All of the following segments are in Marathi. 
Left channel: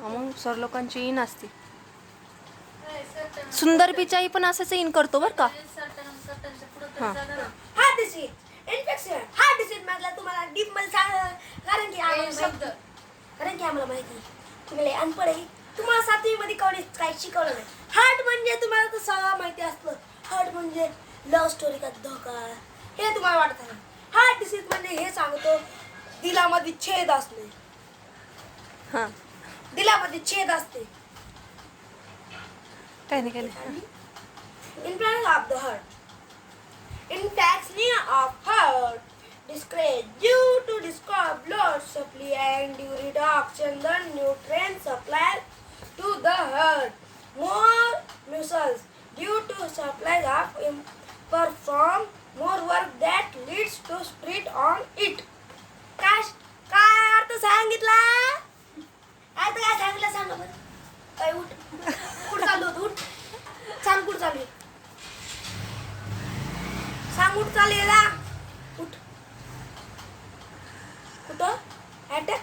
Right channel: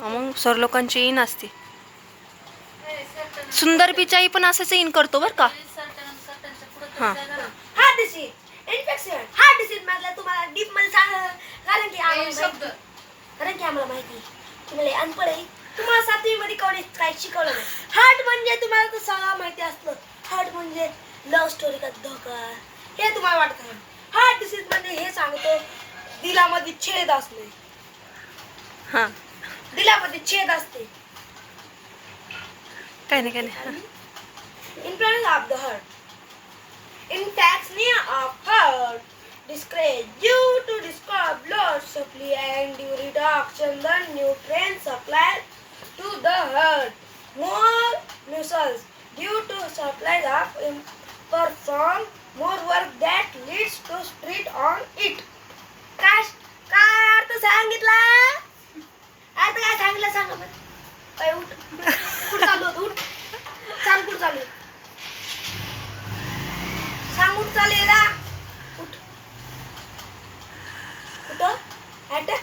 मग सर लोकांची इन असते. सुंदर पिचाई पण असंच इन करतो बर का. हा heart disease infection. Heart disease मधला तुम्हाला डीप मध्ये सांग, कारण की आम्हाला माहिती तुम्हाला अनपढ आहे. तुम्हाला 7वी मध्ये काय शिकवलं नाही. हार्ट म्हणजे तुम्हाला तर सगळं माहिती असतं. हार्ट म्हणजे लव्ह स्टोरी का धोका हे तुम्हाला वाटत आहे. हार्ट डिसीज म्हणजे हे सांगतो दिलामध्ये छेद असणे. हा दिलामध्ये छेद असते. काय नाही. Influence of the heart. Intaxia of heart disgrace due to discovered blood supply and reduction the nutrient supply to the heart. More muscles due to supply of perform more work that leads to street on it. काय अर्थ सांगितला? आता काय सांगितलं सांगा बरं. काय उठ कुठं चालू होतं उठ सांग कुठं चालू सांग उठ चालू आहे का उठ कुठं अटॅक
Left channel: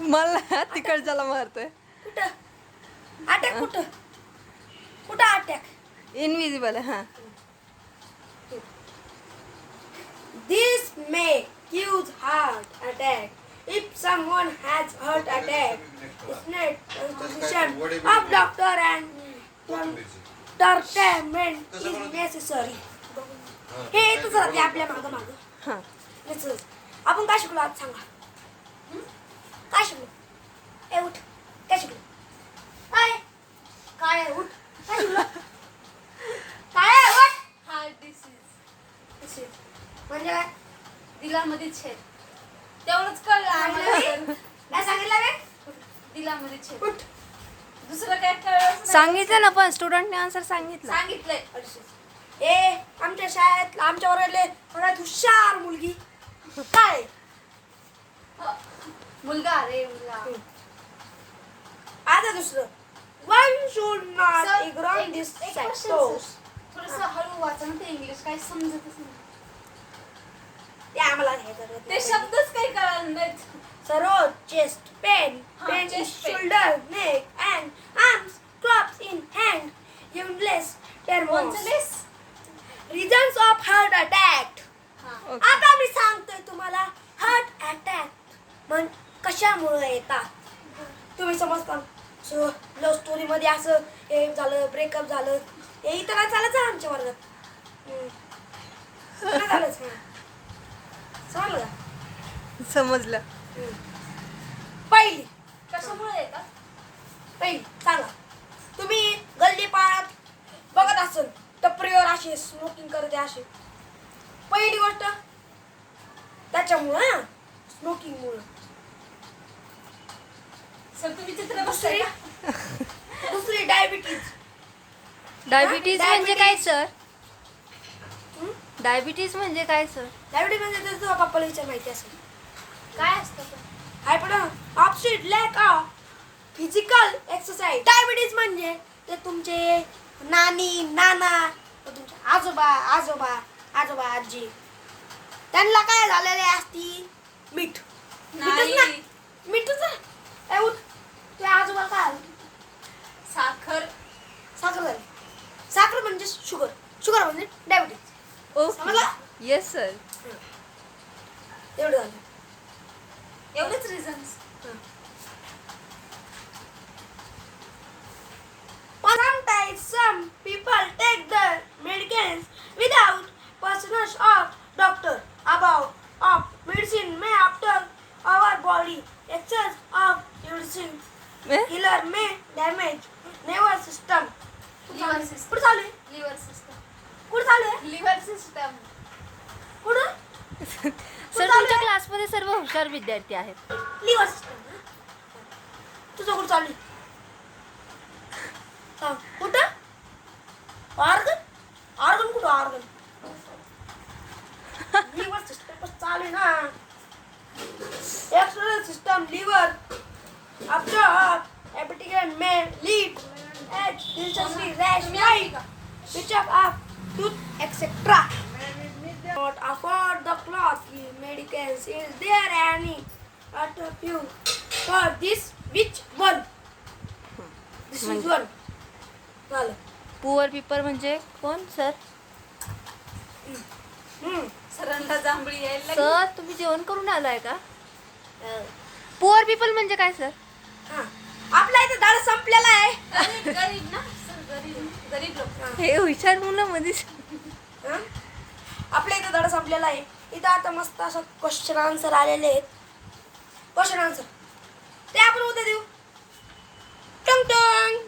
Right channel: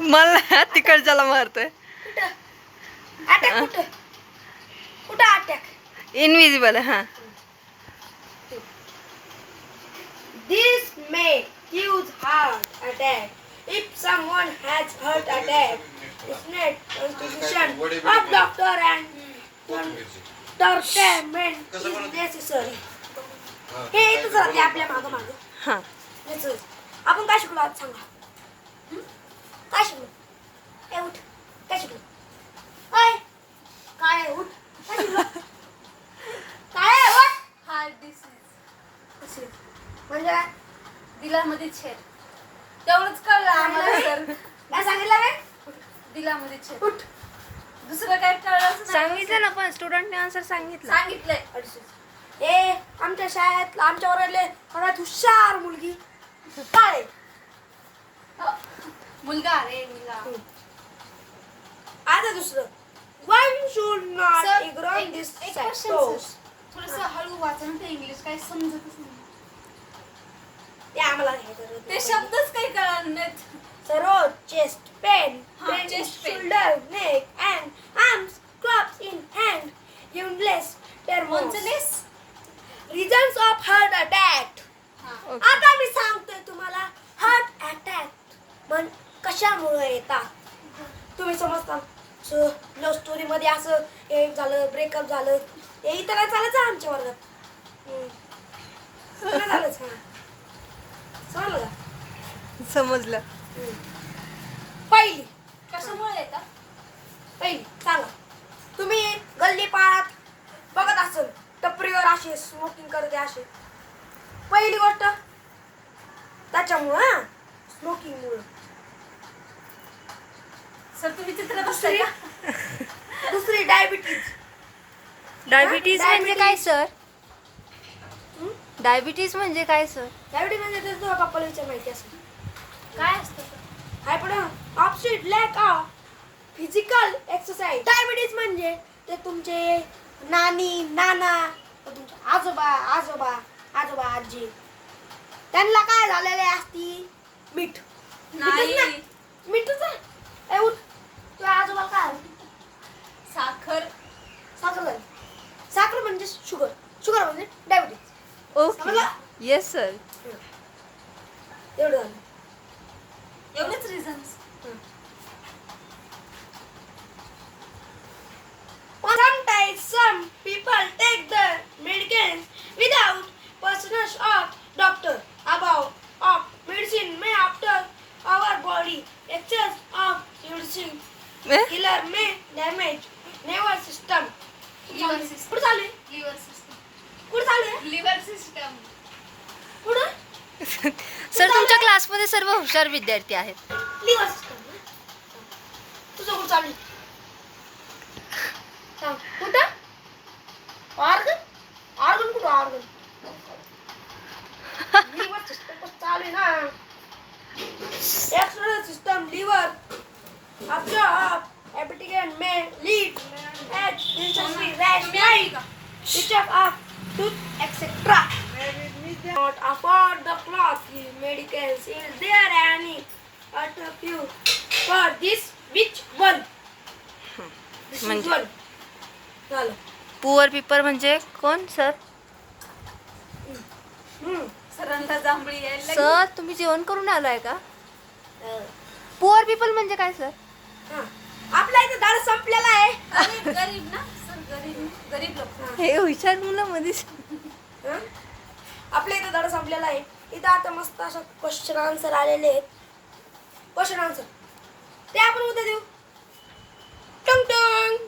मला तिकडच्याला मारतोय. कुठं अटॅक कुठं अटॅक इनविजिबल. हा This may cause heart attack. If someone has heart attack, it's not constitution of doctor and treatment is necessary. हे इथंच राहते आपल्या मागं. हा आपण काय शिकलो आज सांगा. काय शिकलो? ए उठ काय शिकलो? काय उठ काय शिकलो? काय उठ हार्ट डिसीज म्हणजे काय दिलामध्ये छेद. तेवढंच कळलं आम्हाला. काय सांगितलं बे? दिलामध्ये छेद. उठ दुसरं काय कळलं नाही. सांगितलं ना, पण स्टुडंटने आन्सर सांगितलं. सांगितलंय. ए आमच्या शाळेत आमच्या वर्गातले सगळ्यात हुशार मुलगी काय मुलगा रे मुलगा. आता दुसरं one should not Sir, ignore this एक question, सॅक्टोस. थोडंसं हळू वाचा ना, ते इंग्लिश काही समजतच नाही. ते आम्हाला हे करत ते शब्दच काही कळणार नाहीत. सरोज चेस्ट पेन हा, pain in chest pain. Shoulder neck and arms clubs in hand unless टर्मोस कोणचलेस? Reasons of heart attack. हा. आता मी सांगतोय तुम्हाला हार्ट अटॅक कशामुळे येतात तुम्ही समजता. सो लव्ह स्टोरी मध्ये असं हे झालं ब्रेकअप झालं हे इथं काय चालायचं आमच्या वर्गात. नाही झालंच. समजलं का? समजलं. पहिली कशामुळे येतात? पहिली सांगा. तुम्ही गल्ली पाळात बघत असाल टपरीवर असे स्मोकिंग करते असे. पहिली गोष्ट त्याच्यामुळं स्मोकिंगमुळं. सर तुम्ही चित्र बसताय का? दुसरी डायबिटीज. डायबिटीज म्हणजे काय सर? हं? डायबिटीज म्हणजे काय सर? डायबिटीज म्हणजे तुझ्या पप्पाला विचार माहिती असेल. काय असतं ते? हाय पण option lack of physical exercise. Diabetes म्हणजे ते तुमचे नानी नाना तुमचे आजोबा आजी त्यांना काय झालेले असती मीठच ना नाही. मीठच आहे. ए उठ तुझ्या आजोबा काय साखर. साखर म्हणजे शुगर म्हणजे डायबिटीज. ओके. समजलं? Yes sir. एवढं झालं. एवढंच reasons. Sometimes some people take the medicines without permission of doctor. Above of medicine may after our body excess of medicine killer may damage nervous system. Liver system. कुठं चालू आहे? Liver system. कुठं चालू आहे? Liver system. कुठं? सर तुमच्या क्लासमध्ये सर्व हुशार विद्यार्थी आहेत. Liver system. तुझं कुठं चालू आहे? सांग कुठं? ऑर्गन कुठं ऑर्गन? लिव्हर सिस्टम चालू आहे ना. External system liver absorb appetite may lead at necessary rest like discharge of tooth etc. Not afford the cloth medicines. Is there any alternative for this which one. This is म्हणजे? वन. झालं. पुअर पीपल म्हणजे कोण सर? सरांना जांभळी यायला लागली. सर तुम्ही जेवण करून आलाय का? पुअर पीपल म्हणजे काय सर? हा. आपला इथं धडा संपलेला आहे. गरीब ना सर, गरीब लोक. हे हुशार मुलं मध्येच. हा? आपल्या इथं धडा संपलेला आहे. इथं आता मस्त असं क्वेश्चन आन्सर आलेले आहेत. क्वेश्चन आन्सर ते आपण उद्या देऊ. टंग टंग.